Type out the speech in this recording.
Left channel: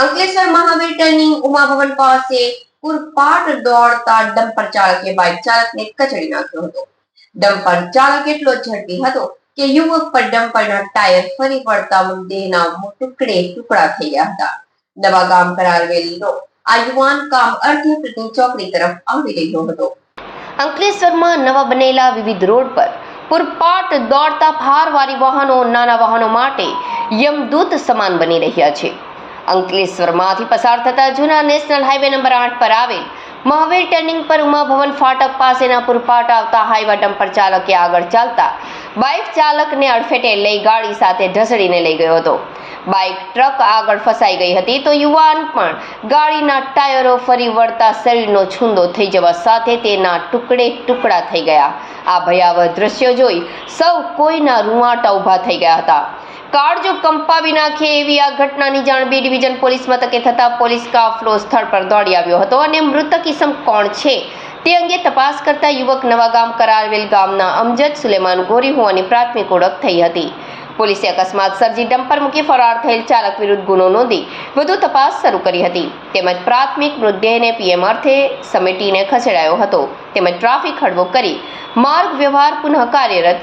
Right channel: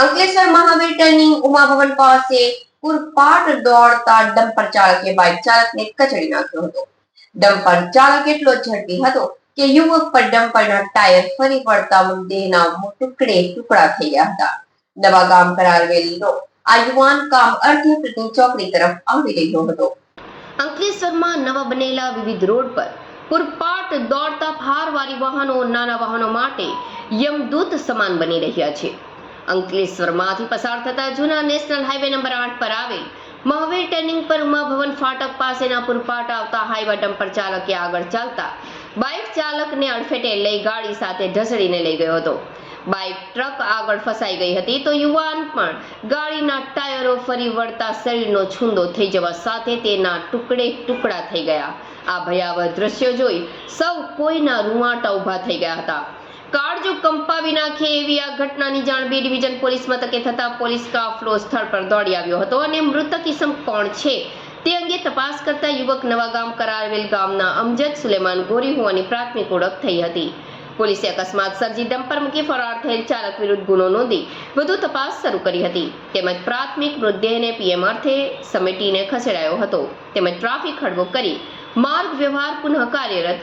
Ankleshwar Mahavir turning ઉમાભવન પાસે પૂરપાટ દોડતા dumper ચાલકે બાઇક ચાલકને કચડી નાખ્યો હતો. ડમ્પર ચાલક એટલો ઝડપી હતો કે યુવક પર ડમ્પરના ટાયર ફરી વળતા દેહના ટુકડે ટુકડા થઈ ગયા હતા. નવા ગામ કરાવેલીનો આ યુવાન કામ અર્ધ્યપૃતની ચોકડી તરફ આવી રહ્યો હતો. અંકલેશ્વરમાં નવા બનેલા વિવિધ રોડ પર પૂરપાટ દોડતા ભારવારી વાહનો નાના વાહનો માટે યમદૂત સમાન બની રહ્યા છે. અંકલેશ્વરમાંથી પસાર થતા જૂના નેશનલ હાઈવે નંબર 8 પર આવેલ મહાવીર ટર્નિંગ પર ઉમાભવન ફાટક પાસેના પૂરપાટ આવતા હાઈવા ડમ્પર ચાલકે આગળ ચાલતા બાઇક ચાલકને અડફેટે લઈ ગાડી સાથે ઢસડીને લઈ ગયો હતો. બાઇક ટ્રક આગળ ફસાઈ ગઈ હતી તો યુવાન પણ ગાડીના ટાયરો ફરી વળતા શરીરનો છૂંદો થઈ જવા સાથે તેના ટુકડે ટુકડા થઈ ગયા. આ ભયાવહ દ્રશ્યો જોઈ સૌ કોઈના રૂંવાટા ઊભા થઈ ગયા હતા. કાળજો કંપાવી નાખે એવી આ ઘટનાની જાણ B ડિવિઝન પોલીસ મથકે થતા પોલીસ કાફલો સ્થળ પર દોડી આવ્યો હતો અને મૃતક ઇસમ કોણ છે તે અંગે તપાસ કરતા યુવક નવાગામ કરાવેલ ગામના અમજદ સુલેમાન ગોરી હોવાની પ્રાથમિક ઓળખ થઈ હતી. પોલીસે અકસ્માત સર્જી ડમ્પર મૂકી ફરાર થયેલ ચાલક વિરુદ્ધ ગુનો નોંધી વધુ તપાસ શરૂ કરી હતી. તેમજ પ્રાથમિક મૃતદેહને PM અર્થે સમેટીને ખસેડાયો હતો તેમજ ટ્રાફિક હળવો કરી માર્ગ વ્યવહાર પુનઃ કાર્યરત